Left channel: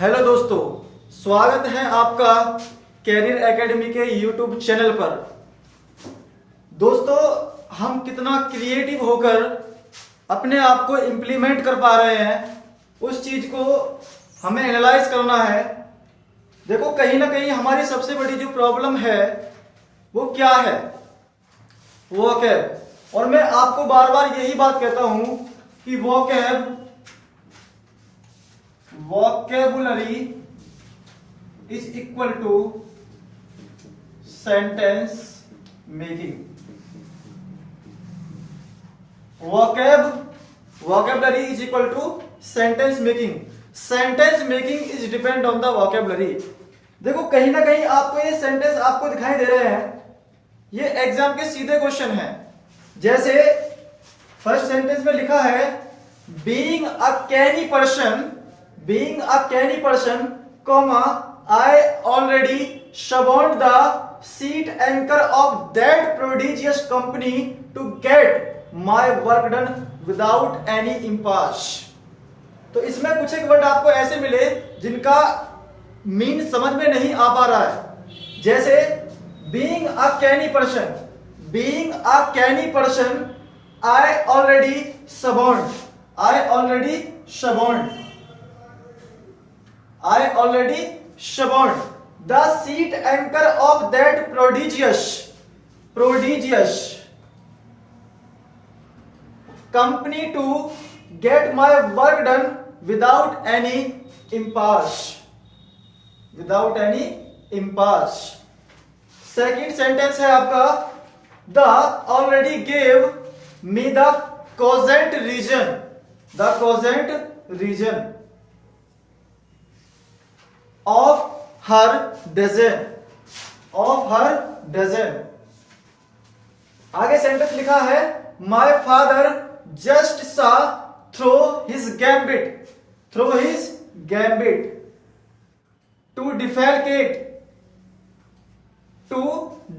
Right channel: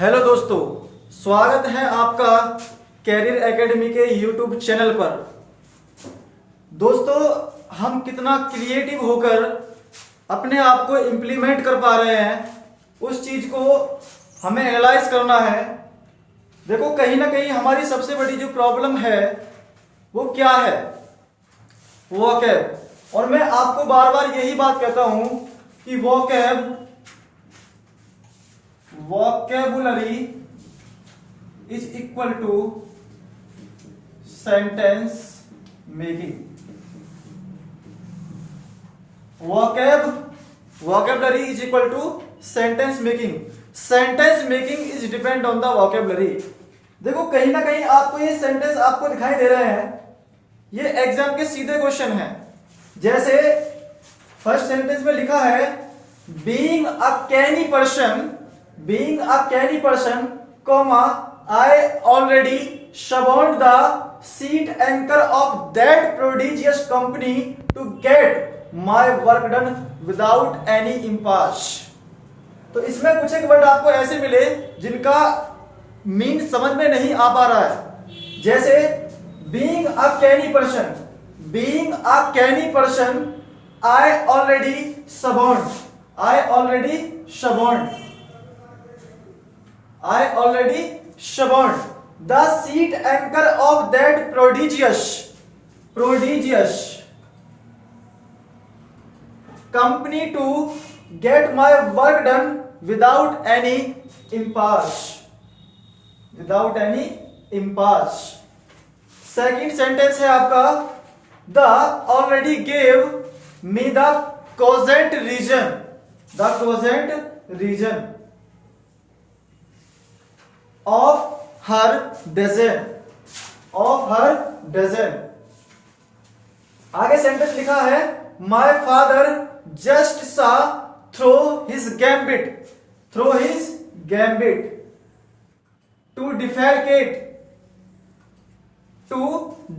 Hello दोस्तों, स्वागत है आपका कैरियर एकेडमी के यूट्यूब चैनल पर। दोस्तों, हम कितना क्रिएटिव होकर अपने आप को इम्प्लीमेंट कर पा रहे हैं, उस चीज को हमें एनालाइज करना है। देखो, कहीं ना कहीं हमारी सबसे बड़ी जो प्रॉब्लम है वो क्या है? वोकैब। और मैं आपको बार बार यही बात कहता हूं कि vocabulary is equal to sentence making. Vocabulary is equal to sentence making. Sentence making is depend on the vocabulary. देखो, कहीं ना कहीं आपको ये सेंटेंस आपको दिखाई दे रहे हैं, ये एग्जाम के सीधे क्वेश्चन हैं। जैसे फर्स्ट सेंटेंस में लिखा है being a canny person, comma, I already shunned the seat anchor of that prodigious company to get my work done without any impasse। तो इसमें कुछ एक वर्ड आपको ऐसे मिले जिनका मीन समझ में नहीं आ पा रहा है। जैसे being a canny person, I already shunned the seat anchor of that prodigious company to get my work done without any impasse। Second sentence है आपका the already gave me the cogent reason of her dozen। आगे sentence लिखा है my father just saw through his gambit to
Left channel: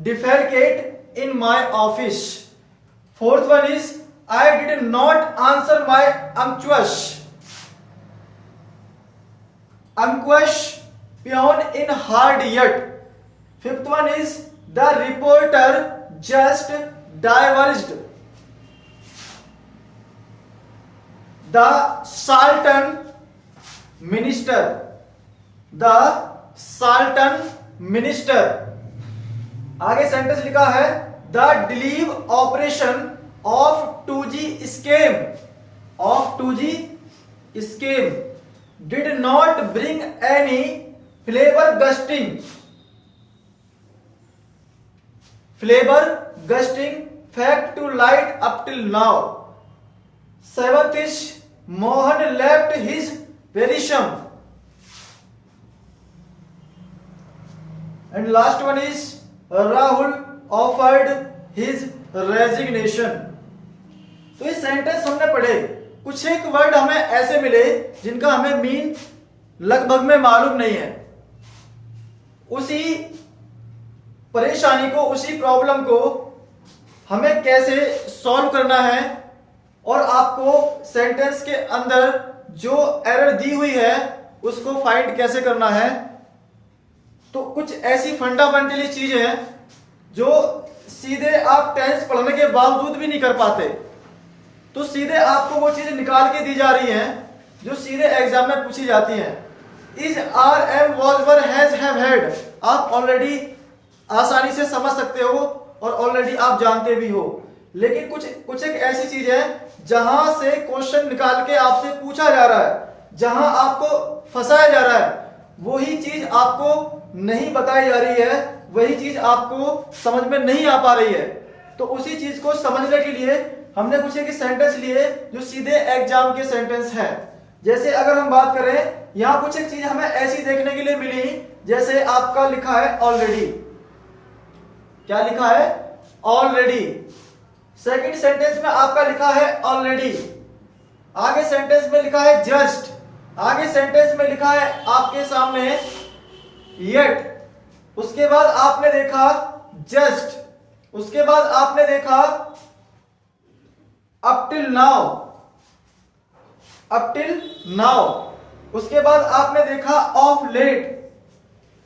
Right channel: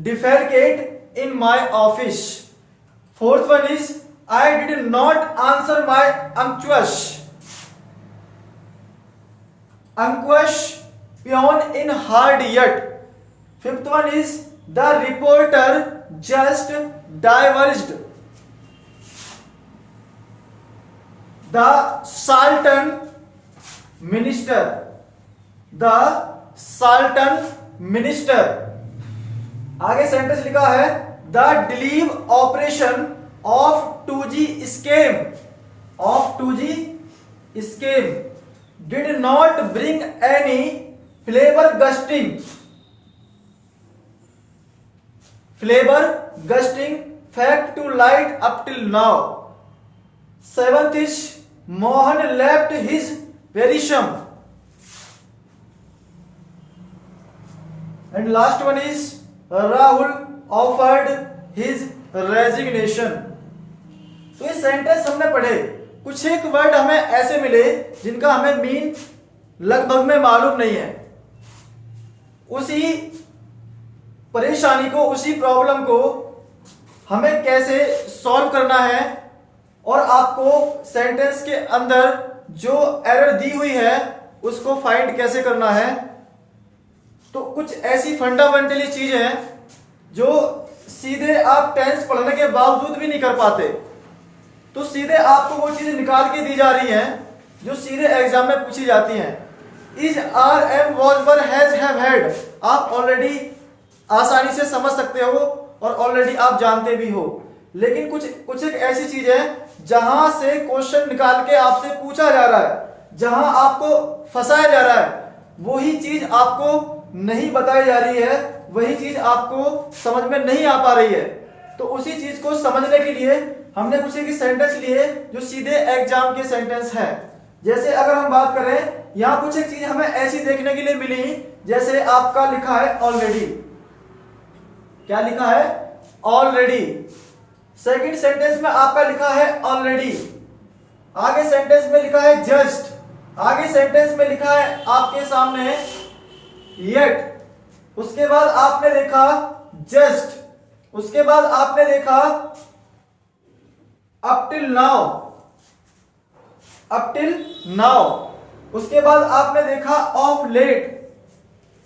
defecate in my office। Fourth one is I did not answer my unctuous peon in hard yet। Fifth one is the reporter just divulged the Sultan minister। आगे sentence लिखा है the deleve operation of 2G scheme did not bring any flavor gusting fact to light up till now। Seventh is Mohan left his verisham। And last one is Rahul offered his resignation। तो ये sentence हमने पढ़े, कुछ एक word हमें ऐसे मिले जिनका हमें मीन लगभग में मालूम नहीं है। उसी परेशानी को, उसी प्रॉब्लम को हमें कैसे सॉल्व करना है और आपको सेंटेंस के अंदर जो एरर दी हुई है उसको फाइंड कैसे करना है। तो कुछ ऐसी फंडामेंटली चीज है जो सीधे आप टेंस पढ़ने के बावजूद भी नहीं कर पाते, तो सीधे आपको वो चीज निकाल के दी जा रही है जो सीधे एग्जाम में पूछी जाती हैं। Is, are, am, was, were, has, have, had आप ऑलरेडी आसानी से समझ सकते हो और ऑलरेडी आप जानते भी हो। लेकिन कुछ एक ऐसी चीज है जहां से क्वेश्चन निकाल के आपसे पूछा जा रहा है, जहां आपको फंसाया जा रहा है, वही चीज आपको नहीं बताई जा रही है, वही चीज आपको समझ में नहीं आ पा रही है। तो उसी चीज को समझने के लिए हमने कुछ एक सेंटेंस लिए जो सीधे एग्जाम के सेंटेंस हैं। जैसे अगर हम बात करें, यहां कुछ एक चीज हमें ऐसी देखने के लिए मिली, जैसे आपका लिखा है ऑलरेडी। क्या लिखा है? ऑलरेडी। सेकंड सेंटेंस में आपका लिखा है ऑलरेडी। आगे सेंटेंस में लिखा है जस्ट। आगे सेंटेंस में लिखा है आपके सामने येट। उसके बाद आपने देखा जस्ट। उसके बाद आपने देखा अप टिल नाउ। उसके बाद आपने देखा ऑफ लेट,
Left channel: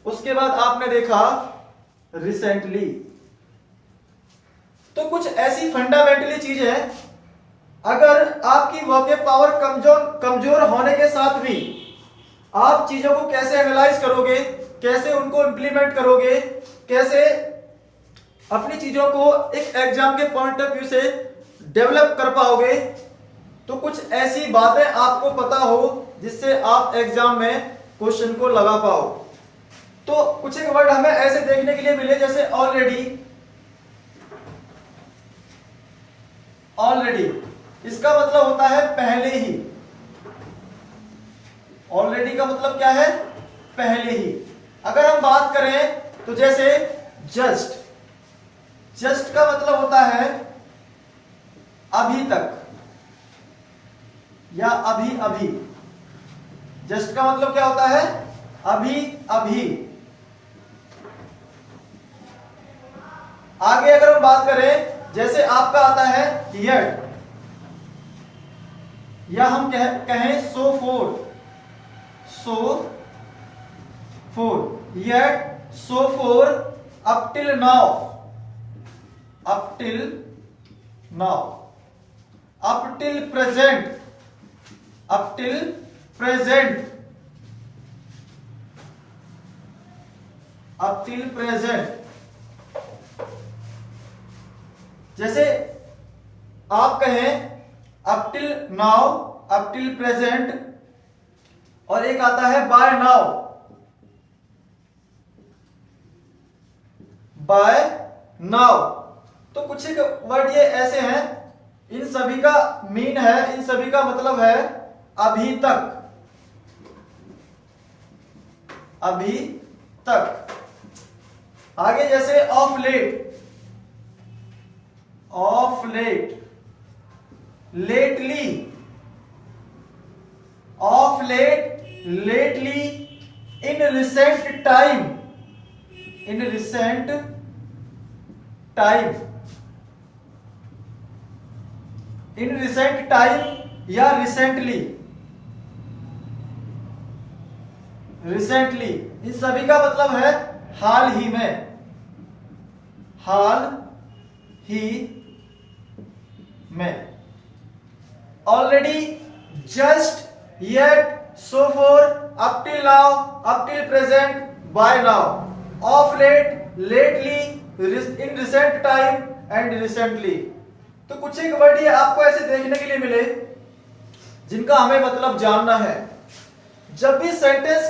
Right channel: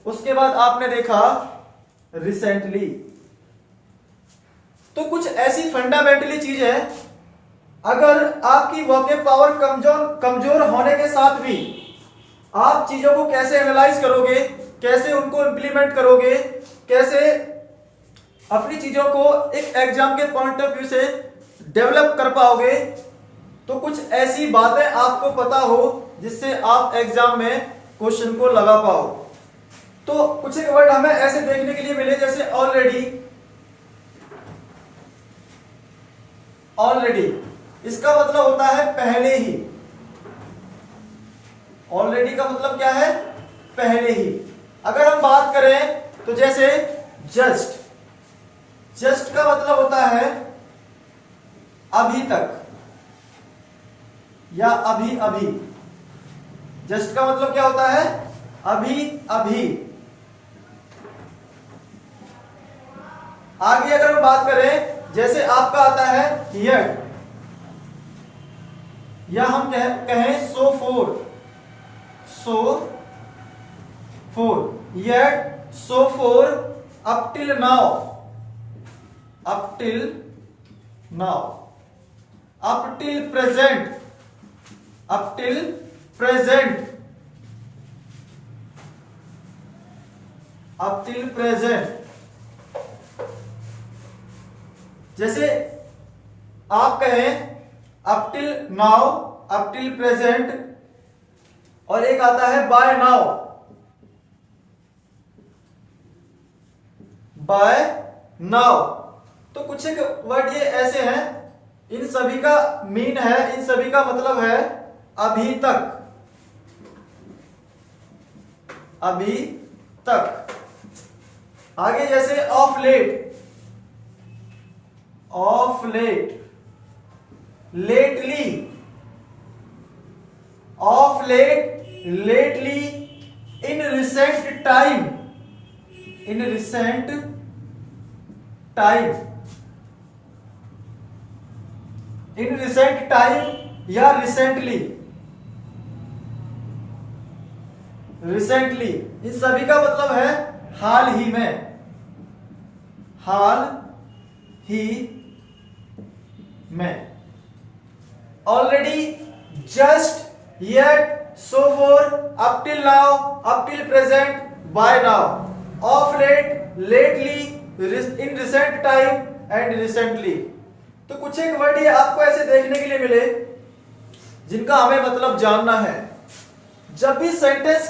उसके बाद आपने देखा रिसेंटली। तो कुछ ऐसी फंडामेंटली चीज है, अगर आपकी वोकैब पावर कमजोर होने के साथ भी आप चीजों को कैसे एनालाइज करोगे, कैसे उनको इंप्लीमेंट करोगे, कैसे अपनी चीजों को एक एग्जाम के पॉइंट ऑफ व्यू से डेवलप कर पाओगे, तो कुछ ऐसी बातें आपको पता हो जिससे आप एग्जाम में क्वेश्चन को लगा पाओ। तो कुछ एक वर्ड हमें ऐसे देखने के लिए मिले जैसे ऑलरेडी। ऑलरेडी इसका मतलब होता है पहले ही। ऑलरेडी का मतलब क्या है? पहले ही। अगर हम बात करें तो जैसे जस्ट, जस्ट का मतलब होता है अभी तक या अभी अभी। जस्ट का मतलब क्या होता है? अभी अभी। आगे अगर हम बात करें जैसे आपका आता है yet, या हम कहें so for, so for, yet, so for, up till now, up till now, up till present, up till present, up till present। जैसे आप कहें up till now, up till present, और एक आता है बाय नाउ, बाय नाउ। तो कुछ एक वर्ड ये ऐसे हैं, इन सभी का मीन है, इन सभी का मतलब है अभी तक, अभी तक। आगे जैसे of late, of late, lately, of late, lately, in recent time, in recent time, in recent time या रिसेंटली, रिसेंटली। इन सभी का मतलब है हाल ही में, हाल ही में। Already, just, yet, so far, up till now, up till present, by now, of late, lately, in recent time and recently. तो कुछ एक वर्ड ये आपको ऐसे देखने के लिए मिले जिनका हमें मतलब जानना है। जब भी सेंटेंस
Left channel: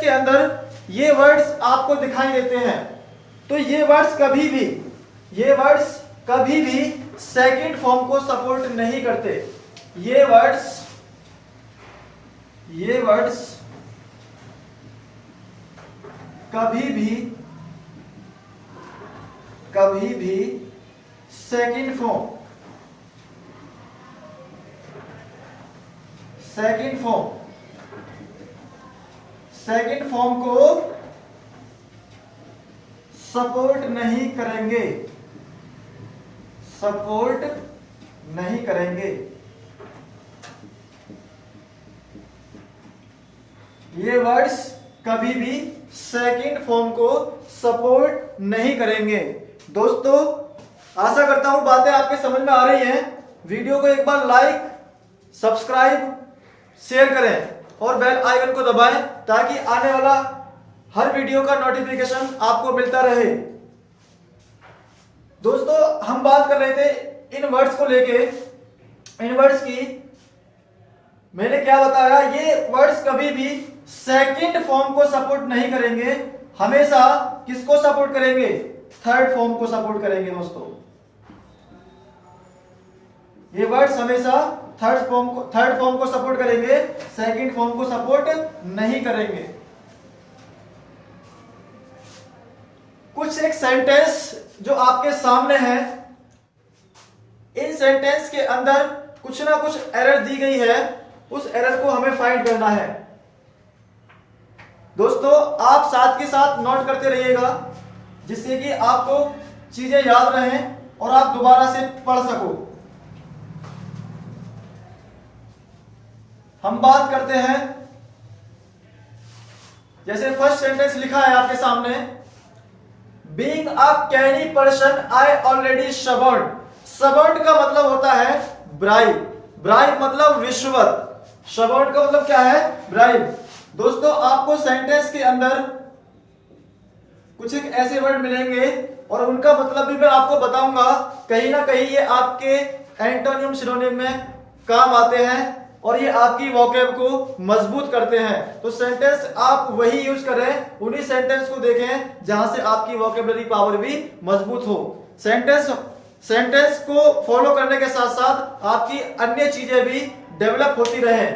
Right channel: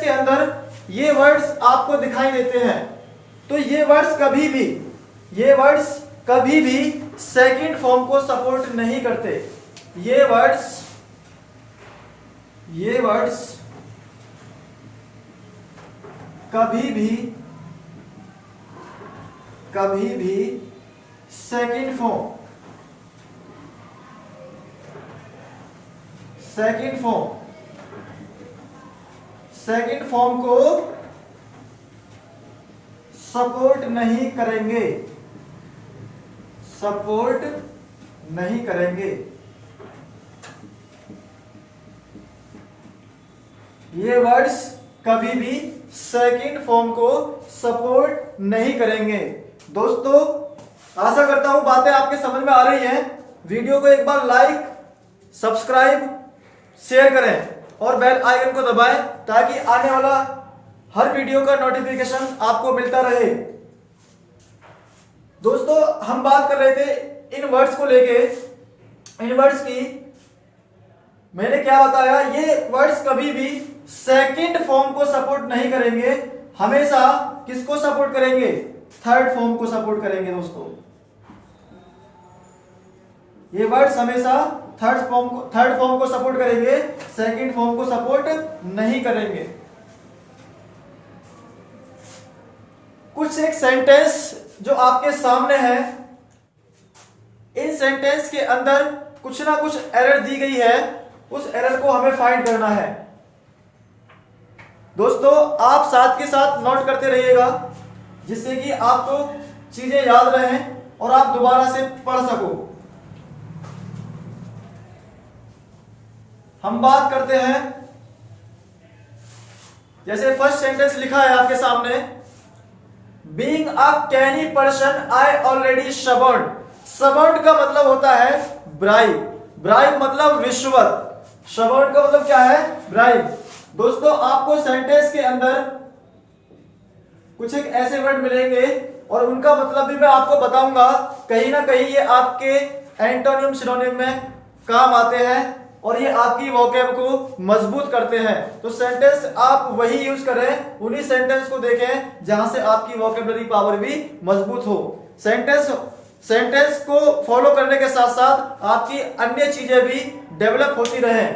के अंदर ये वर्ड्स आपको दिखाई देते हैं, तो ये वर्ड्स कभी भी सेकंड फॉर्म को सपोर्ट नहीं करते। ये वर्ड्स कभी भी सेकंड फॉर्म को सपोर्ट नहीं करेंगे, सपोर्ट नहीं करेंगे। ये वर्ड्स कभी भी सेकंड फॉर्म को सपोर्ट नहीं करेंगे। दोस्तों, आशा करता हूं बातें आपके समझ में आ रही हैं। वीडियो को एक बार लाइक, सब्सक्राइब, शेयर करें और बेल आइकन को दबाएं ताकि आने वाला हर वीडियो का नोटिफिकेशन आपको मिलता रहे। दोस्तों, हम बात कर रहे थे इन वर्ड्स को लेके। इन वर्ड्स की मैंने क्या बताया, ये वर्ड्स कभी भी सेकंड फॉर्म को सपोर्ट नहीं करेंगे, हमेशा किसको सपोर्ट करेंगे? थर्ड फॉर्म को सपोर्ट करेंगे। दोस्तों, ये वर्ड्स हमेशा थर्ड फॉर्म को सपोर्ट करेंगे, सेकंड फॉर्म को सपोर्ट नहीं करेंगे। कुछ एक सेंटेंस जो आपके सामने है, इन सेंटेंस के अंदर कुछ ना कुछ एरर दी गई है, उस एरर को हमें फाइंड करना है। दोस्तों, आप साथ के साथ नोट करते रहिएगा जिससे कि आपको चीजें याद रहें और आप दोबारा से पढ़ सको। हम बात करते हैं, जैसे फर्स्ट सेंटेंस लिखा है आपके सामने, being a canny person I already suborn. Suborn का मतलब होता है ब्राइब, ब्राइब मतलब रिश्वत, सवर्न का मतलब क्या है, ब्राइब। दोस्तों आपको सेंटेंस के अंदर कुछ एक ऐसे वर्ड मिलेंगे और उनका मतलब भी मैं आपको बताऊंगा, कहीं ना कहीं ये आपके एंटोनिम सिनोनिम में काम आते हैं और ये आपकी वोकैब को मजबूत करते हैं। तो सेंटेंस आप वही यूज करें, उन्हीं सेंटेंस को देखें जहां से आपकी वोकैबुलरी पावर भी मजबूत हो। सेंटेंस को फॉलो करने के साथ साथ आपकी अन्य चीजें भी डेवलप होती रहे।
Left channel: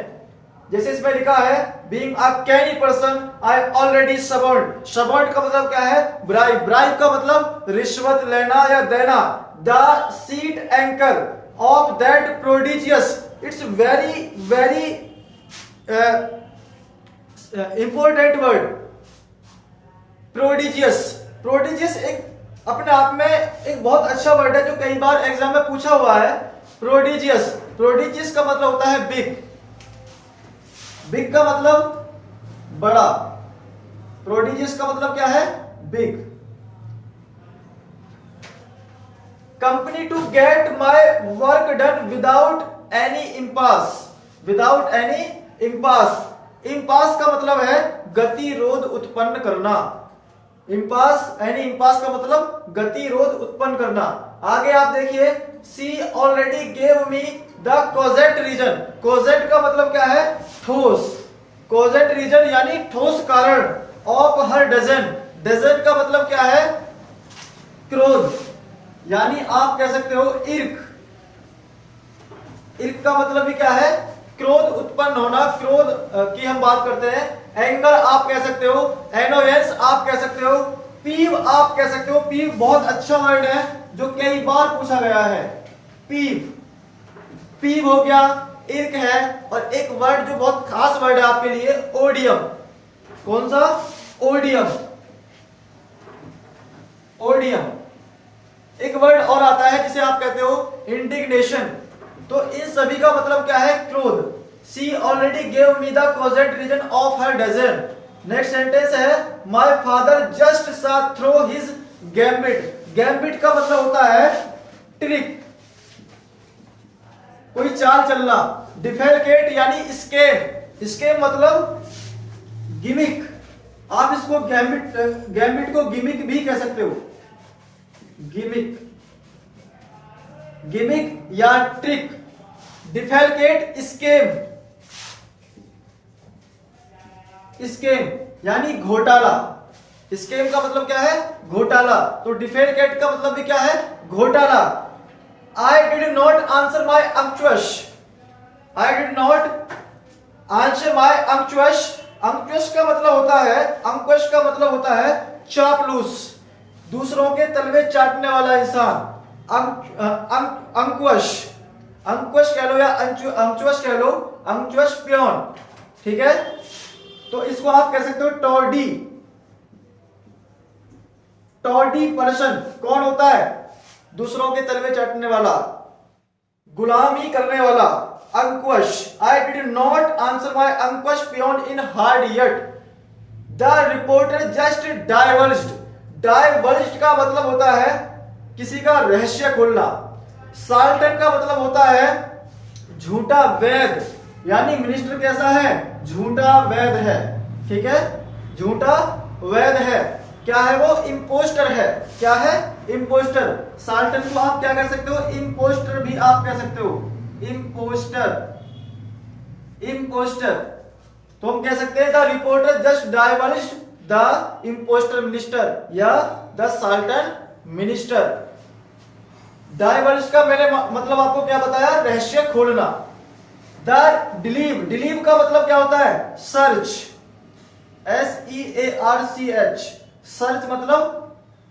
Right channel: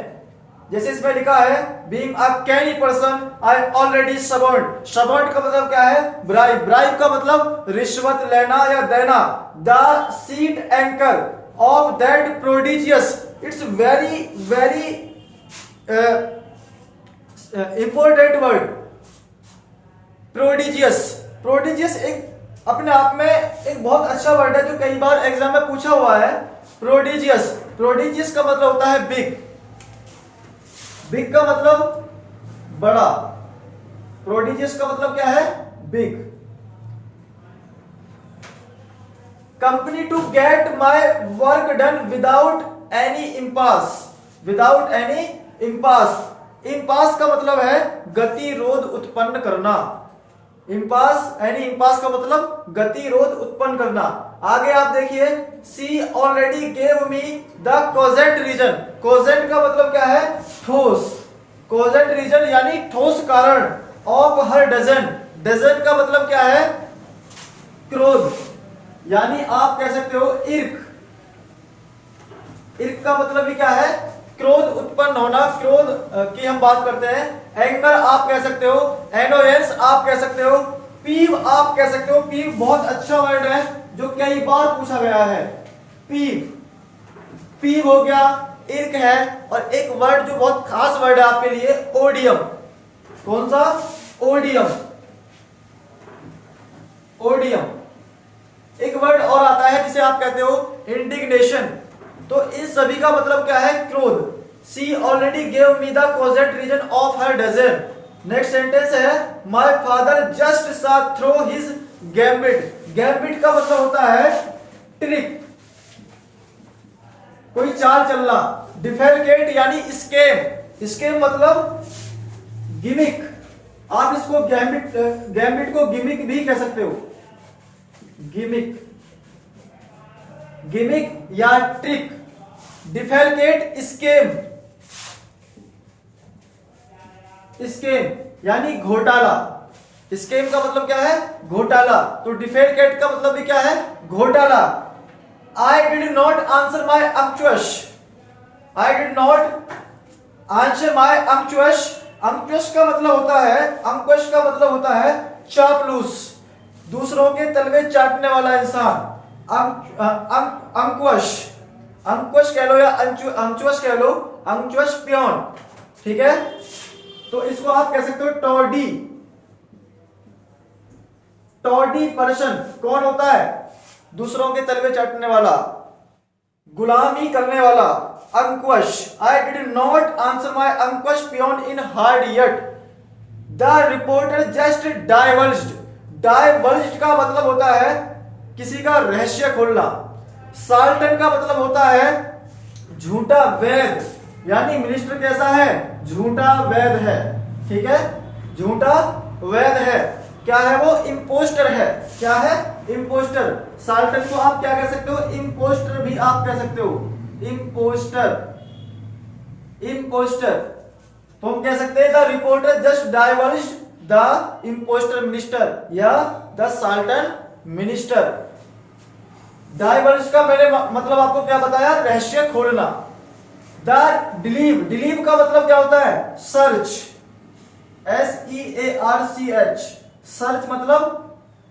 जैसे इसमें लिखा है being a canny person I already suborn. Suborn का मतलब क्या है, ब्राइब, ब्राइब का मतलब रिश्वत लेना या देना। The sheet anchor of that prodigious, it's very very important word, prodigious. Prodigious एक अपने आप में एक बहुत अच्छा वर्ड है जो कई बार एग्जाम में पूछा हुआ है। प्रोडिजियस, प्रोडिजियस का मतलब होता है बिग, बिग का मतलब बड़ा, प्रोडिजियस का मतलब क्या है, big. Company to get my work done without any impasse, without any impasse. Impasse का मतलब है गतिरोध उत्पन्न करना, इम्पास, एनी इम्पास का मतलब गतिरोध उत्पन्न करना। आगे आप देखिए, she already gave me the cogent reason. Cogent का मतलब क्या है, ठोस, कोजेंट रीजन यानी ठोस कारण। ऑफ हर डजन, डजन का मतलब क्या है, क्रोध, यानी आप कह सकते हो इर्क। इर्क का मतलब भी क्या है, क्रोध उत्पन्न होना, क्रोध की हम बात करते हैं। एंकर आप कह सकते हो, एनोयंस आप कह सकते हो, पीव आप कह सकते हो। पीव बहुत अच्छा वर्ड है जो कई बार पूछा गया है, पीव, पीव हो गया, इर्क है। और एक वर्ड जो बहुत खास वर्ड है आपके लिए, ओडियम। कौन सा, ओडियम, ओडियम। एक वर्ड और आता है जिसे आप कहते हो इंडिग्नेशन। तो इन सभी का मतलब क्या है, क्रोध। She already gave me the cogent reason of her dudgeon. Next sentence है, my father just saw through his gambit. Gambit का मतलब होता है ट्रिक, कोई चाल चलना। डिफेलकेट यानी स्केम, स्केम मतलब गिमिक। आप इसको गैम्बिट, गैम्बिट को गिमिक भी कह सकते हो, गिमिक, गिमिक या ट्रिक। डिफेलकेट स्केम, स्केम यानी घोटाला। स्केम का मतलब क्या है, घोटाला। तो डिफेलकेट का मतलब भी क्या है, घोटाला। I did not answer my unctuous. I did not answer my unctuous. unctuous का मतलब होता है, unctuous का मतलब होता है चापलूस, दूसरों के तलवे चाटने वाला इंसान। अंकुश, अंकुश कह लो या अंचुअस कह लो, अंचुअस प्योन, ठीक है। तो इसको आप कह सकते हो टॉडी। टॉडी पर्सन कौन होता है, दूसरों के तलवे चाटने वाला, गुलामी करने वाला। Ankush, I did not answer my Ankush peon in hard yet. The reporter just diverged. Diverged का मतलब होता है किसी का रहस्य खोलना। साल्टन का मतलब होता है झूठा वैद, यानी मिनिस्टर कैसा है, झूठा वैद है, ठीक है, झूठा वैद है। क्या है वो, इम्पोस्टर है। क्या है, इम्पोस्टर। साल्टन को आप क्या कह सकते हो, इम्पोस्टर भी आप कह सकते हो, इम्पोस्टर, इम्पोस्टर। तो हम कह सकते हैं the reporter just diverged the impostor minister या द साल्टन मिनिस्टर। डाइवर्ज का मैंने मतलब आपको क्या बताया, रहस्य खोलना। द डिलीव, डिलीव का मतलब क्या होता है, सर्च, SEARCH, सर्च मतलब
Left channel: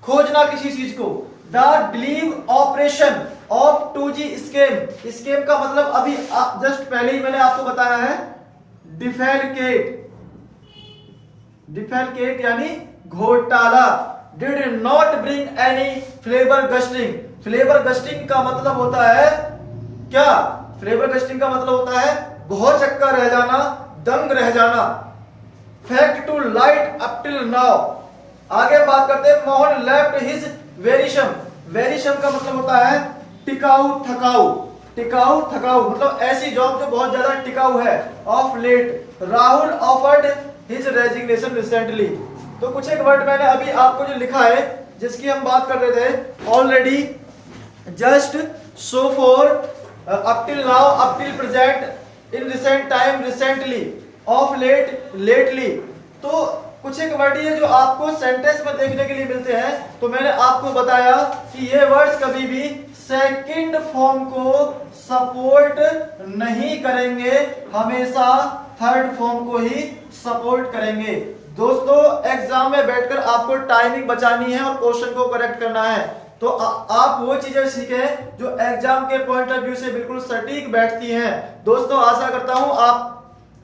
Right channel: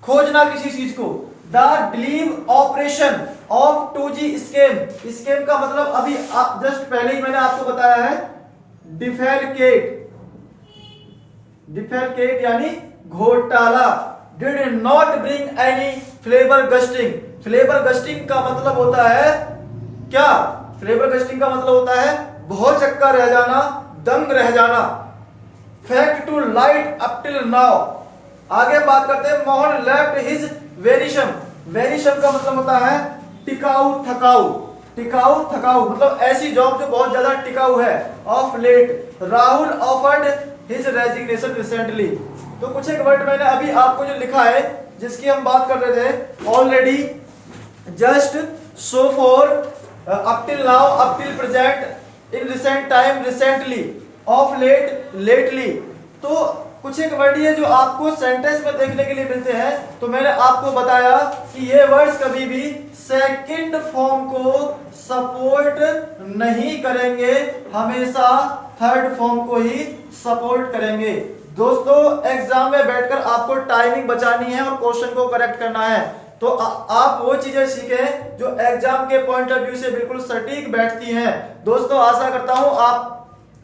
खोजना किसी चीज को। The delive operation of 2G scam. Scam का मतलब अभी जस्ट पहले ही मैंने आपको बताया है, डिफेलकेट, डिफेलकेट यानी घोटाला। Did not bring any flavour gusting. Flavour gusting का मतलब होता है क्या, फ्लेवर गस्टिंग का मतलब होता है भौचक्का रह जाना, दंग रह जाना। Fact to light up till now. आगे बात करते हैं, मोहन लेफ्ट हिज वेरिशम। वेरिशम का मतलब होता है टिकाऊ, थकाऊ। टिकाऊ थकाऊ मतलब ऐसी जॉब जो बहुत ज्यादा टिकाऊ है। Of late Rahul offered his resignation recently. तो कुछ एक वर्ड मैंने अभी आपको जो लिखा है जिसकी हम बात कर रहे थे, already, just, so far, up till now, up till present, in recent time, recently, of late, lately. तो कुछ एक वर्ड ये जो आपको सेंटेंस में देखने के लिए मिलते हैं। तो मैंने आपको बताया कि ये वर्ड्स कभी भी सेकंड फॉर्म को सपोर्ट नहीं करेंगे, हमेशा थर्ड फॉर्म को ही सपोर्ट करेंगे। दोस्तों एग्जाम में बैठकर आपको टाइमिंग बचानी है और क्वेश्चन को करेक्ट करना है। तो आप वो चीजें सीखें जो एग्जाम के पॉइंट ऑफ व्यू से बिल्कुल सटीक बैठती हैं। दोस्तों आशा करता हूं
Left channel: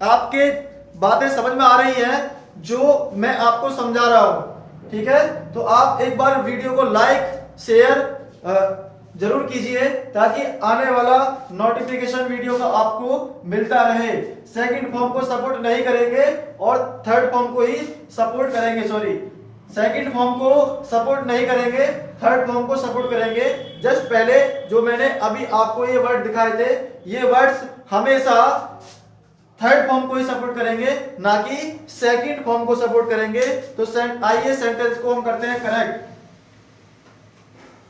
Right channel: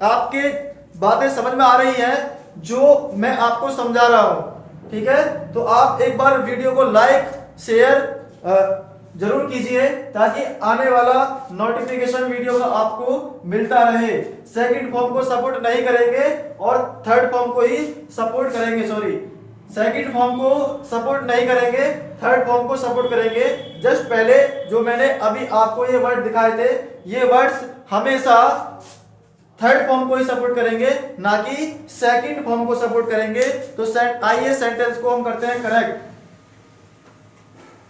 आपके बातें समझ में आ रही हैं जो मैं आपको समझा रहा हूं। ठीक है, तो आप एक बार वीडियो को लाइक, शेयर जरूर कीजिए ताकि आने वाला नोटिफिकेशन वीडियो का आपको मिलता रहे। सेकंड फॉर्म को सपोर्ट नहीं करेंगे और थर्ड फॉर्म को ही सपोर्ट करेंगे। सॉरी, सेकंड फॉर्म को सपोर्ट नहीं करेंगे, थर्ड फॉर्म को सपोर्ट करेंगे। जस्ट पहले जो मैंने अभी आपको ये वर्ड दिखाए थे, ये वर्ड्स हमेशा थर्ड फॉर्म को ही सपोर्ट करेंगे, ना कि सेकंड फॉर्म को सपोर्ट करेंगे। तो आइए सेंटेंस को हम करते हैं करेक्ट।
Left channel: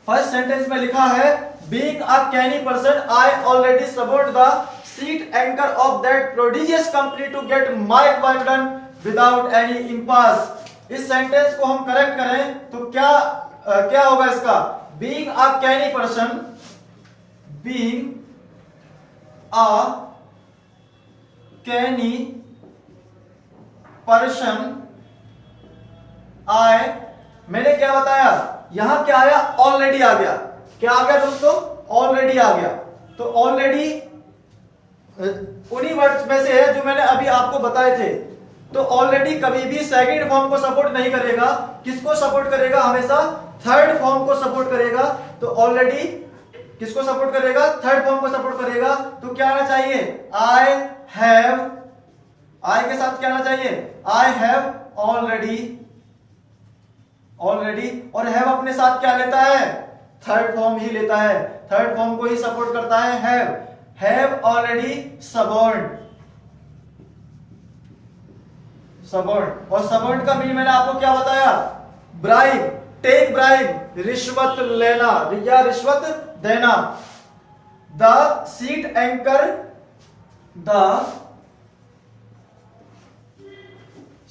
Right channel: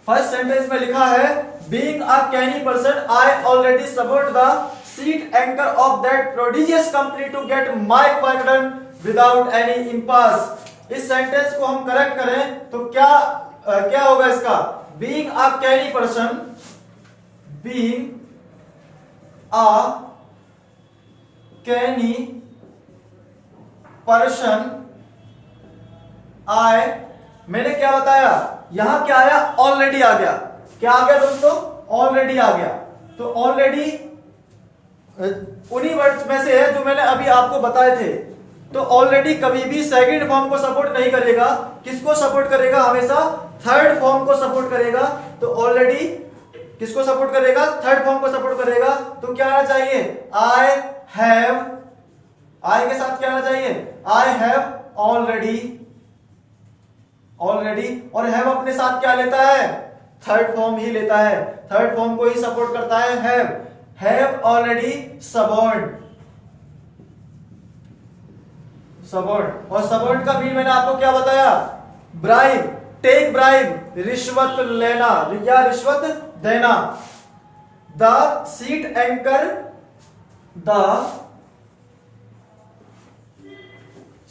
फर्स्ट सेंटेंस में लिखा है, being a canny person I already support the sheet anchor of that prodigious company to get my work done without any impasse. इस सेंटेंस को हम करेक्ट करें तो क्या होगा इसका? Being a canny person, being a canny person I, मैंने क्या बताया, यहां क्या आया? ऑलरेडी आ गया। क्या आ गया दोस्तों? ऑलरेडी आ गया। तो ऑलरेडी उन्हीं वर्ड्स में से है जो मैंने अभी आपको बताए थे। तो ऑलरेडी कभी भी सेकंड फॉर्म को सपोर्ट नहीं करेगा। किसको सपोर्ट करेगा? हमेशा थर्ड फॉर्म को सपोर्ट करेगा। तो ऑलरेडी किसको सपोर्ट करेगा? थर्ड फॉर्म को सपोर्ट करेगा। तो क्या आना चाहिए? आई हैव, आई के साथ क्या आना चाहिए? आई हैव ऑलरेडी, ऑलरेडी, और हैव अपने साथ क्या लेता है? थर्ड फॉर्म ही लेता है, थर्ड फॉर्म को ही सपोर्ट करता है। Have already support, support. और सपोर्ट का मीन मैंने आपको क्या बताया? ब्राइब, टेक ब्राइब, रिश्वत लेना या रिश्वत देना। The sheet anchor, the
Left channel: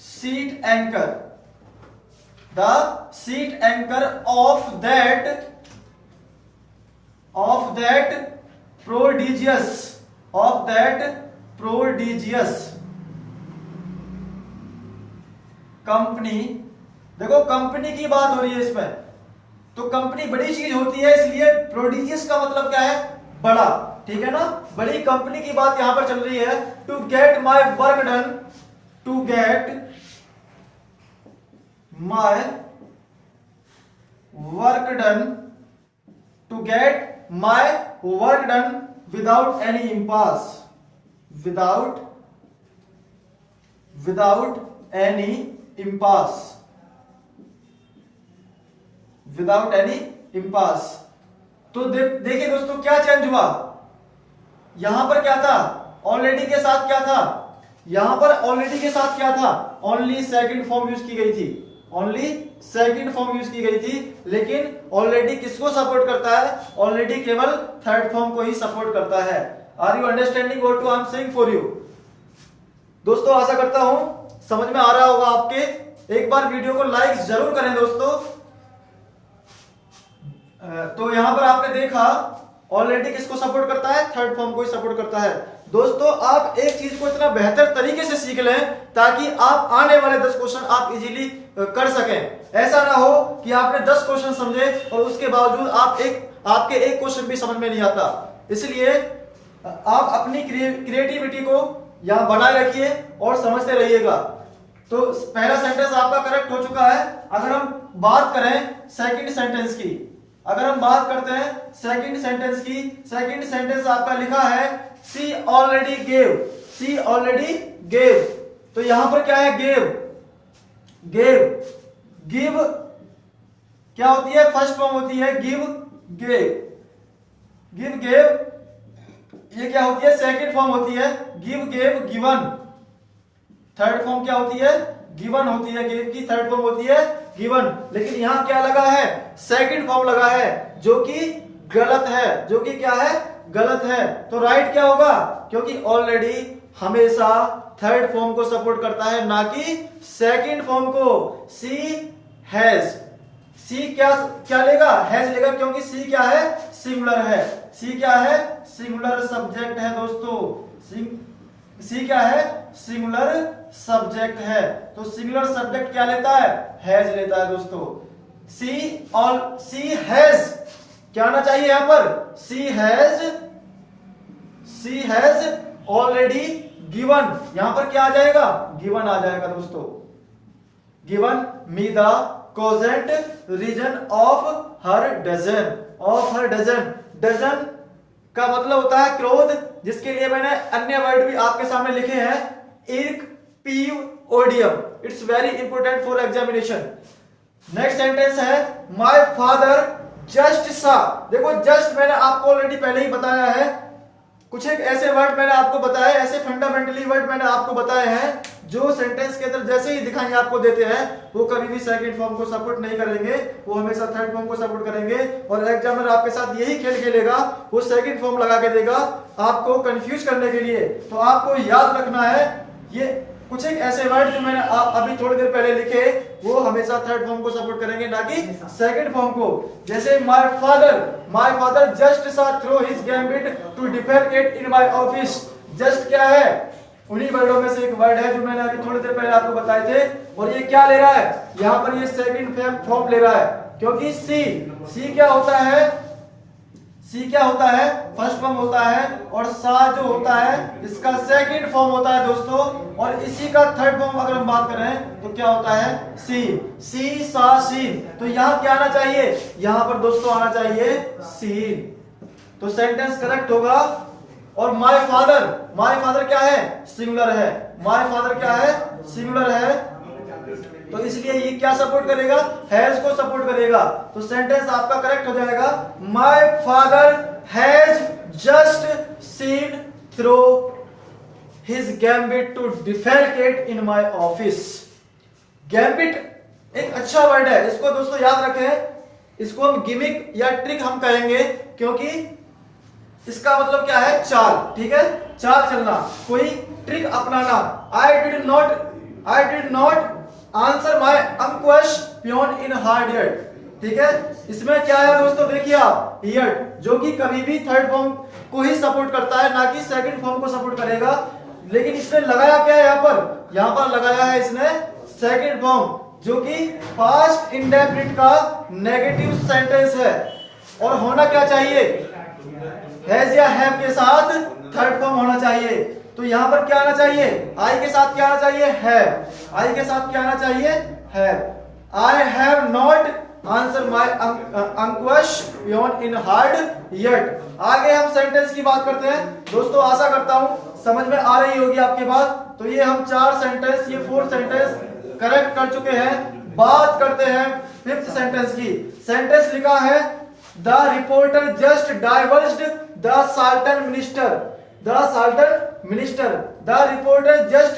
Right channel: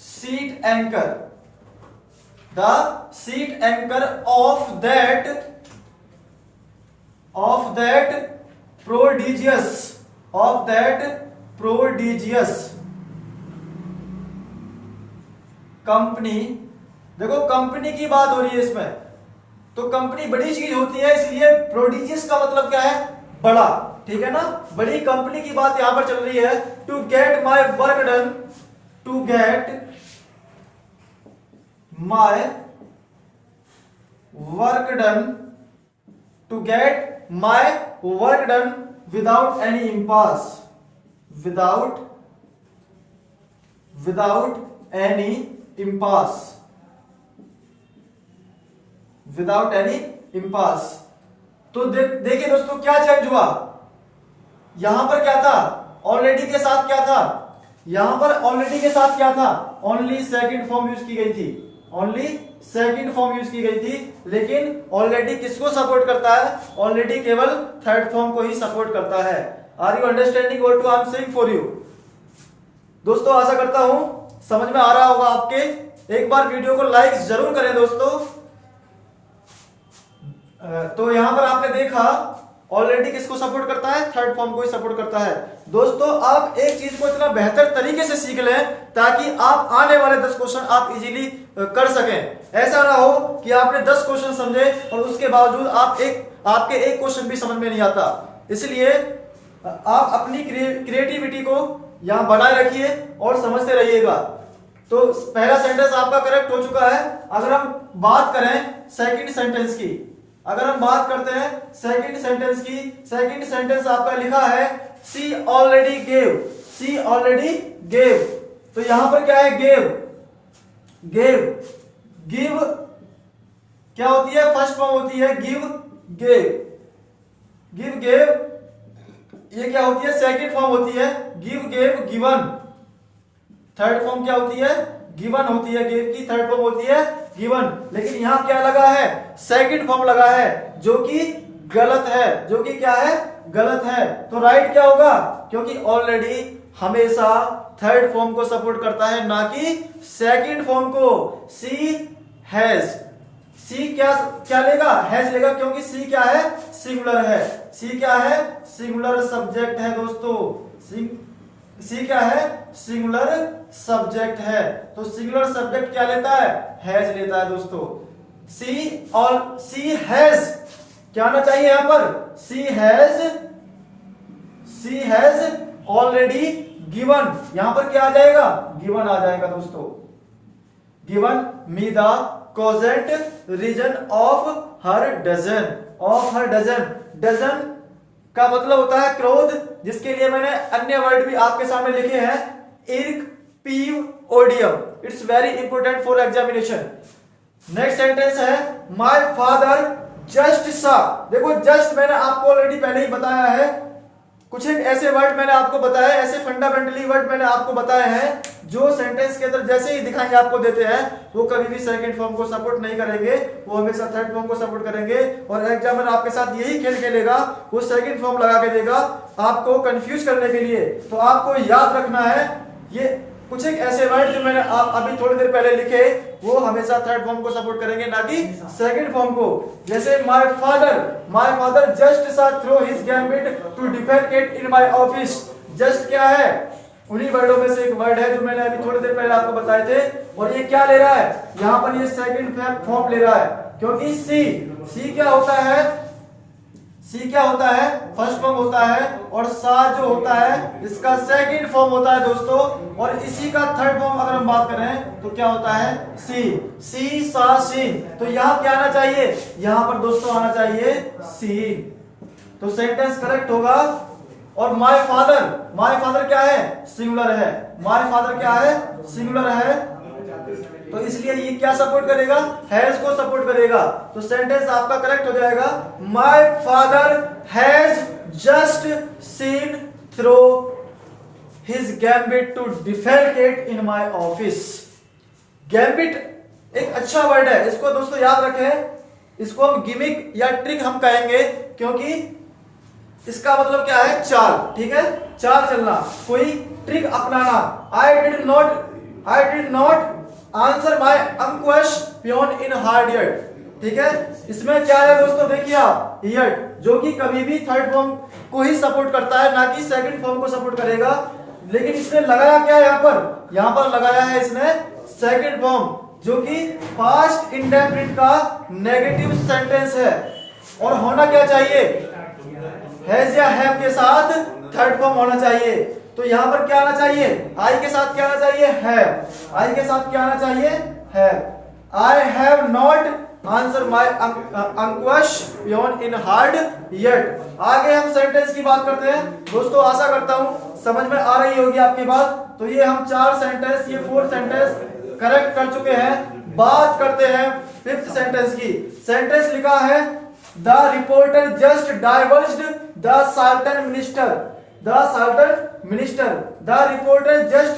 sheet anchor, the seat anchor of that prodigious company. देखो कंपनी की बात हो रही है इसमें, तो कंपनी बड़ी चीज होती है, इसलिए प्रोडिजियस का मतलब क्या है? बड़ा। ठीक है ना, बड़ी कंपनी की बात यहां पर चल रही है। To get my work done, to get my work done, to get my work done without any impasse, without any impasse, without any impasse। तो देखिए दोस्तों क्या चेंज हुआ? यहां पर क्या था? ऑलरेडी के साथ क्या था? यहां पर ऑलरेडी के साथ क्या था? ओनली सेकंड फॉर्म यूज की गई थी, ओनली सेकंड फॉर्म यूज की गई थी। लेकिन ऑलरेडी किसको सपोर्ट करता है? ऑलरेडी केवल थर्ड फॉर्म को ही सपोर्ट करता है। Are you understanding what I am saying for you? दोस्तों आशा करता हूं समझ में आ रहा होगा आपके। एक बार वीडियो को लाइक जरूर करें दोस्तों। तो यहां पर आपने देखा ऑलरेडी किसको सपोर्ट करता है? थर्ड फॉर्म को ही सपोर्ट करता है। दोस्तों आप एक चीज को इतना बेहतर तरीके से सीख लें ताकि आप आने वाले 10 क्वेश्चन आप इजीली कर सकें। ऐसा ना हो कि आपने 10 क्वेश्चन समझे और उसके बावजूद आपके एक क्वेश्चन भी समझ में नहीं आता। इसलिए आप अपनी क्रिएटिविटी को यहां बनाए रखिए और समझते रहिएगा। तो पहला सेंटेंस आपका करेक्ट हो चुका है। अगर हम बात करें सेकंड सेंटेंस की, अगर हम बात करते हैं सेकंड सेंटेंस की, सेकंड सेंटेंस आपका लिखा है सी ऑलरेडी गेव, सी ऑलरेडी गेव। तो यहां पर क्या है, गेव, गेव, गिव क्या होती है, फर्स्ट फॉर्म होती है गिव गेव, गिव गेव ये क्या होती है, सेकंड फॉर्म होती है give gave given. Third form क्या होती है, गिवन होती है, गिव की थर्ड फॉर्म होती है गिवन। लेकिन यहां क्या लगा है, सेकंड फॉर्म लगा है, जो कि गलत है, जो कि क्या है, गलत है। तो राइट क्या होगा, क्योंकि ऑलरेडी हमेशा थर्ड फॉर्म को सपोर्ट करता है, ना कि सेकंड फॉर्म को। सी हैज, सी क्या क्या लेगा, हैज लेगा, क्योंकि सी क्या है, सिंगुलर है। सी क्या है, सिंगुलर सब्जेक्ट है दोस्तों। सी क्या है, सिंगुलर सब्जेक्ट है। तो सिंगुलर सब्जेक्ट क्या लेता है, हैज लेता है दोस्तों। सी हैज क्या आना चाहिए यहां पर, सी हैज ऑलरेडी गिवन, यहां पर क्या आ जाएगा, गिवन आ जाएगा दोस्तों। Given me the cogent reason of her dozen, of her dozen. Dozen का मतलब होता है क्रोध, जिसके लिए मैंने अन्य वर्ड भी आपके सामने लिखे हैं, irk, peeve, odium. It's very important for examination. Next sentence है माय फादर जस्ट सा। देखो जस्ट मैंने आपको ऑलरेडी पहले ही बताया है, कुछ एक ऐसे वर्ड मैंने आपको बताया, ऐसे फंडामेंटली वर्ड मैंने आपको बताए हैं जो सेंटेंस के अंदर जैसे ही दिखाई आपको देते हैं वो कभी भी सेकंड फॉर्म को सपोर्ट नहीं करेंगे, वो हमेशा थर्ड फॉर्म को सपोर्ट करेंगे। और एग्जामिनर आपके साथ यही खेल खेलेगा, वो सेकंड फॉर्म लगा के देगा आपको कंफ्यूज करने के लिए। तो आपको याद रखना है ये कुछ एक ऐसे वर्ड जो मैंने अभी थोड़ी देर पहले लिखे, वो हमेशा थर्ड फॉर्म को सपोर्ट करेंगे, ना कि सेकंड फॉर्म को। जैसे my father just saw through his gambit to defecate in my office. Just क्या है, उन्हीं वर्डों में से एक वर्ड है जो मैंने अभी थोड़ी देर पहले आपको बताए थे। और ये क्या ले रहा है, यहां पर ये सेकंड फॉर्म ले रहा है, क्योंकि सी क्या होता है, सी क्या होता है, फर्स्ट फॉर्म होता है, और सा जो होता है इसका सेकंड फॉर्म होता है दोस्तों। और इसी का थर्ड फॉर्म अगर हम बात करें तो क्या होता है, सी सा सीन। तो यहां क्या आना चाहिए, यहां पर दोस्तों आना चाहिए सीन। तो सेंटेंस करेक्ट होगा। और माय फादर क्या है, सिंगुलर है। माय फादर क्या है, सिंगुलर है, तो इसलिए ये क्या सपोर्ट करेगा, हैज को सपोर्ट करेगा। तो सेंटेंस आपका करेक्ट हो जाएगा, my father has just seen through his gambit to defecate in my office. Gambit एक अच्छा वर्ड है, इसको दोस्तों याद रखें। इसको हम गिमिक या ट्रिक हम कहेंगे, क्योंकि इसका मतलब क्या है, चाल। ठीक है, चाल चलना, कोई ट्रिक अपनाना। आई did not answer my unquestioned in hard yet. ठीक है, इसमें क्या है दोस्तों, देखिए आप, यट जो कि कभी भी थर्ड फॉर्म को ही सपोर्ट करता है, ना कि सेकंड फॉर्म को सपोर्ट करेगा। लेकिन इसने लगाया क्या है, यहां पर लगाया है इसने सेकंड फॉर्म, जो कि पास्ट इंडेफिनिट का नेगेटिव सेंटेंस है। और होना क्या चाहिए, हैज या हैव के साथ थर्ड फॉर्म होना चाहिए। तो यहां पर क्या आना चाहिए, आई के साथ क्या आना चाहिए, हैव। आई के साथ क्या आना चाहिए, have. I have not answer my unquestioned in hard yet. आगे हम सेंटेंस की बात करते हैं दोस्तों। आशा करता हूं समझ में आ रही होगी आपकी बात। तो ये हम 4 सेंटेंस, ये 4 सेंटेंस करेक्ट कर चुके हैं। बात करते हैं 5th सेंटेंस की। सेंटेंस लिखा है, the reporter just divorced the sultan minister. The reporter just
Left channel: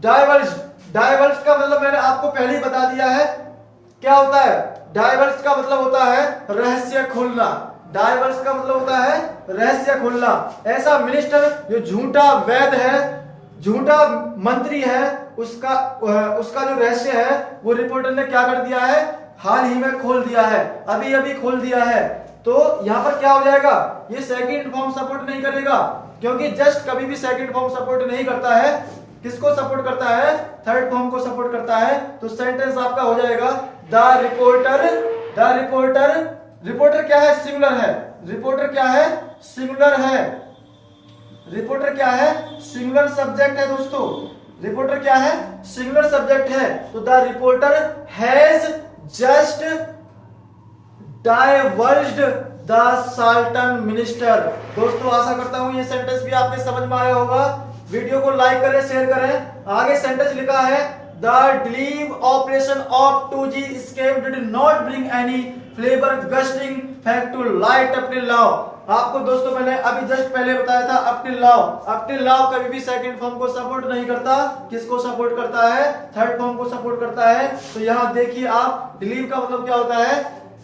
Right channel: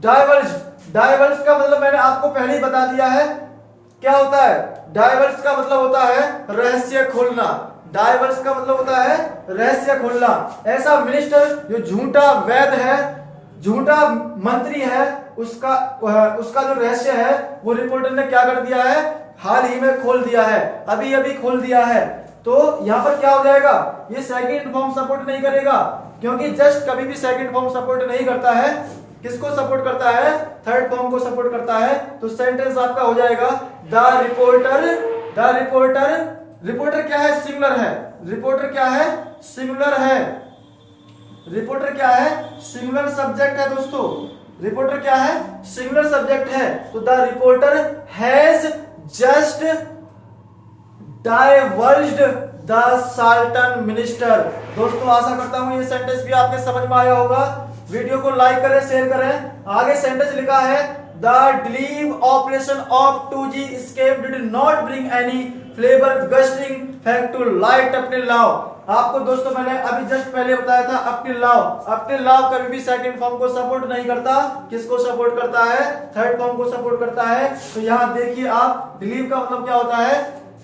diverse का मतलब मैंने आपको पहले ही बता दिया है, क्या होता है। डाइवर्स का मतलब होता है रहस्य खोलना। डाइवर्स का मतलब होता है रहस्य खोलना। ऐसा मिनिस्टर जो झूठा वैद है, झूठा मंत्री है, उसका जो रहस्य है वो रिपोर्टर ने क्या कर दिया है, हाल ही में खोल दिया है, अभी खोल दिया है। तो यहां पर क्या हो जाएगा, ये सेकंड फॉर्म सपोर्ट नहीं करेगा, क्योंकि जस्ट कभी भी सेकंड फॉर्म सपोर्ट नहीं करता है। किसको सपोर्ट करता है, थर्ड फॉर्म को सपोर्ट करता है। तो सेंटेंस आपका हो जाएगा, रिपोर्टर क्या है, सिंगुलर है। रिपोर्टर क्या है, सिंगुलर है। रिपोर्टर क्या है, सिंगुलर सब्जेक्ट है दोस्तों। रिपोर्टर क्या है, सिंगुलर सब्जेक्ट है। तो the reporter has just divorced the sultan minister. दोस्तों आशा करता हूं ये सेंटेंस भी आपके समझ में आया होगा। वीडियो को लाइक करें, शेयर करें। आगे सेंटेंस लिखा है the delive operation of 2G scam did not bring any flavour gusting fact to light up till now. आपको दोस्तों मैंने अभी जस्ट पहले बताया था up till now. Up till now कभी भी सेकंड फॉर्म को सपोर्ट नहीं करता। किसको सपोर्ट करता है? थर्ड फॉर्म को सपोर्ट करता है। तो यहाँ देखिए आप, डिलीव का मतलब क्या होता है?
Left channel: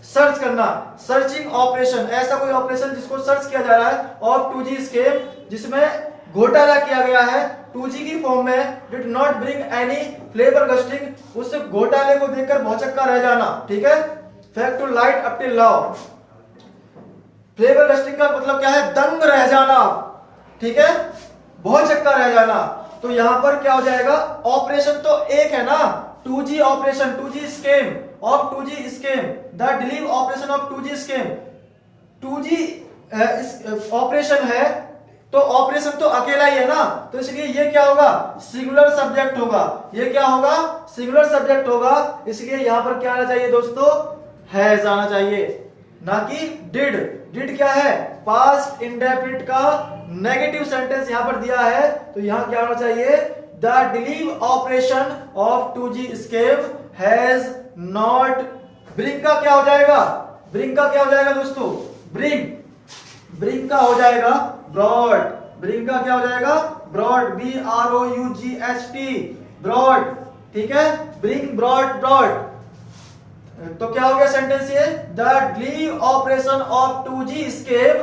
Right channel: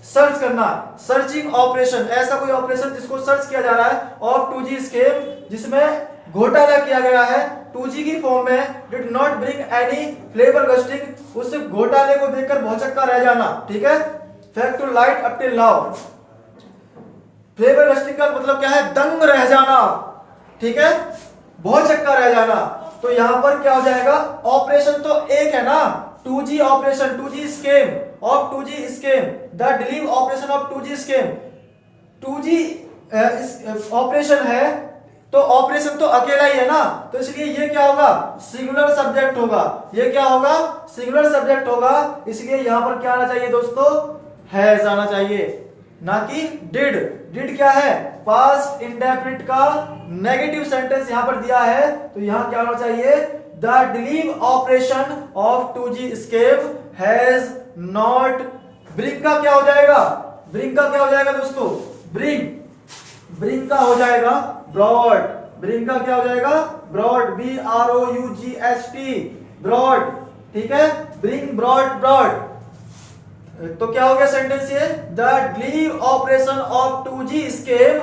सर्च करना, सर्चिंग ऑपरेशन। ऐसा कोई ऑपरेशन जिसको सर्च किया जा रहा है ऑफ 2G स्कैम, जिसमें घोटाला किया गया है 2G की फॉर्म में, did not bring any flavour gusting. उस घोटाले को देखकर भौचक्का रह जाना। ठीक है, fact to light up till now. Flabbergasting का मतलब क्या है? दंग रह जाना। ठीक है, बहुत चक्का रह जाना। तो यहां पर क्या हो जाएगा? ऑपरेशन तो एक है ना, 2G operation, 2G scam of 2G scam, the delive operation of 2G scam. 2G operation है तो ऑपरेशन तो अकेला ही है ना, तो इसलिए ये क्या होगा? सिंगुलर सब्जेक्ट होगा। ये क्या होगा? सिंगुलर सब्जेक्ट होगा। इसलिए यहां पर क्या आना चाहिए दोस्तों? हैज आना चाहिए, ना कि डिड। डिड क्या है? पास्ट इंडेफिनिट का नेगेटिव सेंटेंस यहां पर दिया है, तो यहां क्या होना चाहिए? The delive operation of 2G scam has not. Bring का क्या हो जाएगा? ब्रिंग का क्या हो जाएगा दोस्तों? ब्रिंग का हो जाएगा ब्रॉड। ब्रिंग का क्या हो जाएगा? Brought, BROUGHT, brought. ठीक है, ब्रिंग ब्रॉड। तो क्या हो गया सेंटेंस ये? The delive operation of 2G scam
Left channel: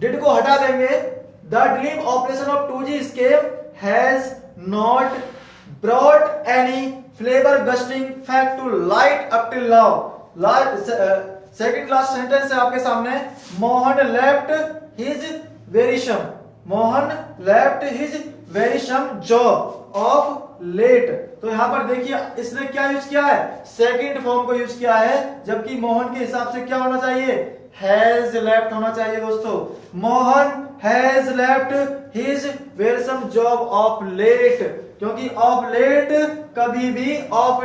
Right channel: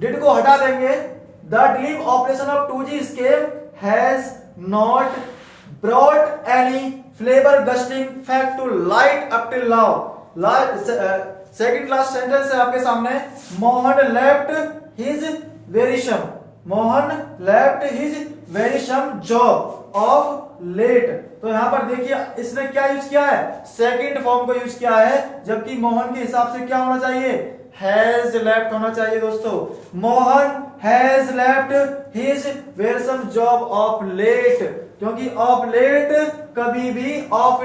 did को हटा देंगे। The delive operation of 2G scam has not brought any flavour gusting fact to light up till now. Second last sentence है आपके सामने। Mohan left his wearisome. Mohan left his wearisome job of late. तो यहां पर देखिए इसने क्या यूज किया है? सेकंड फॉर्म को यूज किया है, जबकि मोहन के हिसाब से क्या होना चाहिए? हैज लेफ्ट होना चाहिए दोस्तों। Mohan has left his wearisome job of late, क्योंकि ऑफ लेट कभी भी of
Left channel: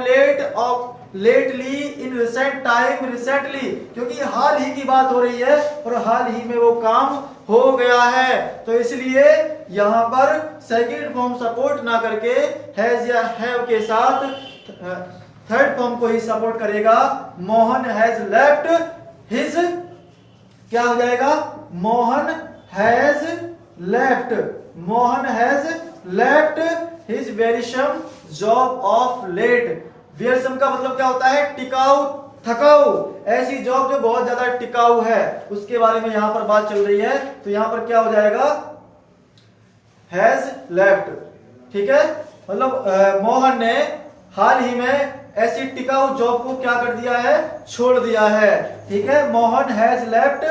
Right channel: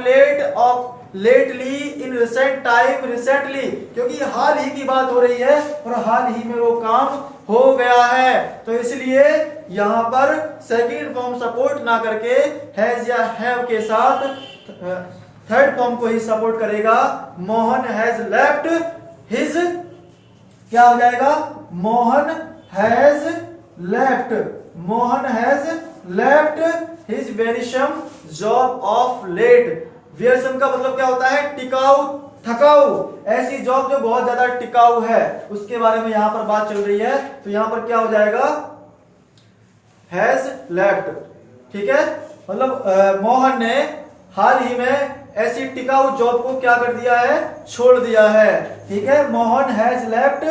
lately in recent time, recently, क्योंकि हाल ही की बात हो रही है और हाल ही में वो काम हो गया है। तो इसलिए यहां पर सेकंड फॉर्म सपोर्ट ना करके हैज या हैव के साथ थर्ड फॉर्म को ही सपोर्ट करेगा। मोहन हैज लेफ्ट हिज, क्या हो जाएगा? Mohan has left his wearisome job of late. Wearisome का मतलब क्या होता है? टिकाऊ, थकाऊ। ऐसी जॉब जो बहुत ज्यादा टिकाऊ है, उसके बारे में यहां पर बात चल रही है। तो यहां पर क्या हो जाएगा? Has left. ठीक है, मतलब मोहन ने हाल ही में ऐसी टिकाऊ जॉब को क्या कर दिया है? छोड़ दिया है। ठीक है, Mohan has left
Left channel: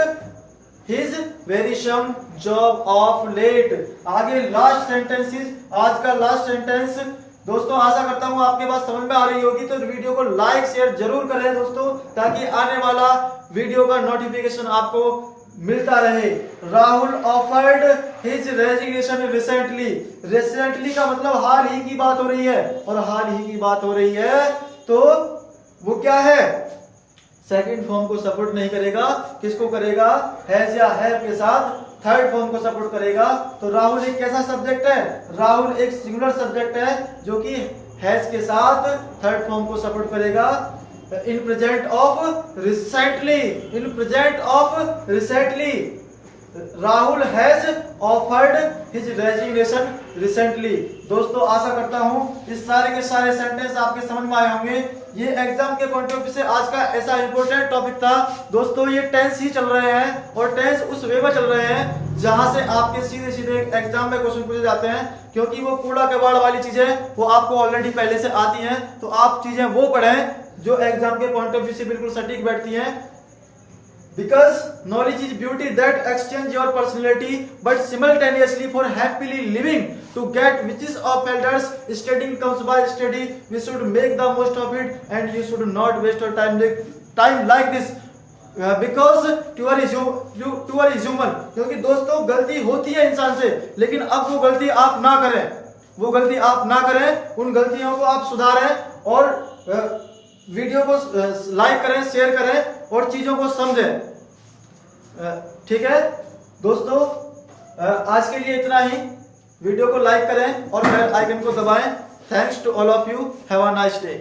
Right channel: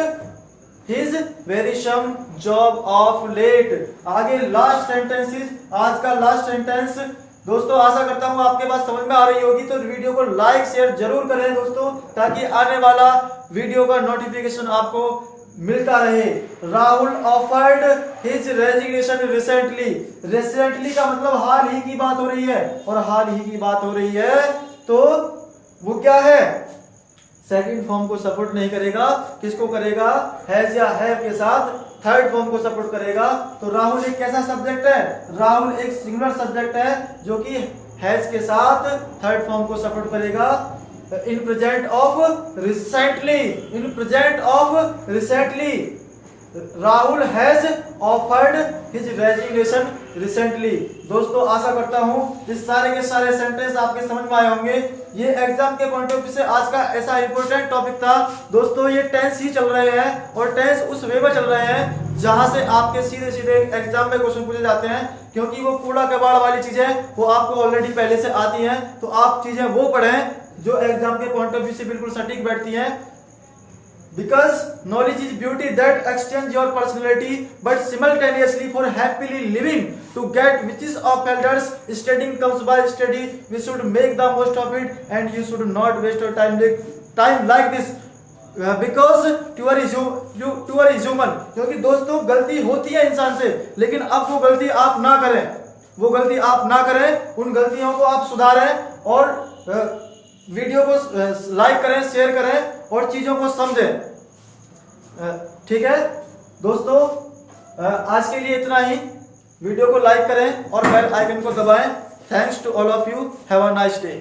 his wearisome job of late. आगे लास्ट सेंटेंसेस, आज का लास्ट सेंटेंस दोस्तों, आशा करता हूं आपके पास समझ में आ रही होगी। तो वीडियो को लाइक शेयर जरूर करें दोस्तों, ताकि आने वाला वीडियो का नोटिफिकेशन आपको मिलता रहे। Rahul offered his resignation recently. Recently का मतलब हाल ही की बात हो रही है, और हाल ही की बात हो रही है तो वो क्या है? सेकंड फॉर्म को सपोर्ट नहीं करेगा। किसको करेगा? हैज या हैव के साथ थर्ड फॉर्म को सपोर्ट करेगा। तो राहुल एक कैसा सब्जेक्ट है? राहुल एक सिंगुलर सब्जेक्ट है, जो कि हैज के साथ थर्ड फॉर्म को सपोर्ट करेगा। In present of recently Rahul has offered his resignation recently. दोस्तों आशा करता हूं इस सारे के सारे सेंटेंस आपके समझ में आए होंगे। ये एग्जाम के पॉइंट ऑफ व्यू से आज का ऐसा इंपॉर्टेंट टॉपिक था दोस्तों। ये टेंस ही चल रहे हैं, और टेंस उस वे में चल रहे हैं जहां से आपके सीधे सीधे एग्जाम में क्वेश्चन पूछे जाते हैं, क्योंकि वो कूड़ा कबाड़ वाली चीजें वो आपको ऑलरेडी पहले से आती हैं। तो आप चीजें वो पढ़ें जो एग्जाम के पॉइंट ऑफ व्यू से बिल्कुल सटीक बैठती हैं। Because knowledge is beauty that extends your personality, but simultaneously for happily living, to get riches of elders, studying comes by study. We should make the most of it, and you should not waste your time like this. Because tour is human. क्योंकि दोस्तों गलती होती है इंसान से, लेकिन अब वो गलती आप ना करें, उन गलतियों को आप सुधारें, और वीडियो को लाइक करें, शेयर करें, और चीज़ों को समझें। ठीक है दोस्तों, आज के लिए इतना ही। वीडियो को लाइक करें और बेल आइकन को दबाएं। Thanks to all of you, have a nice day.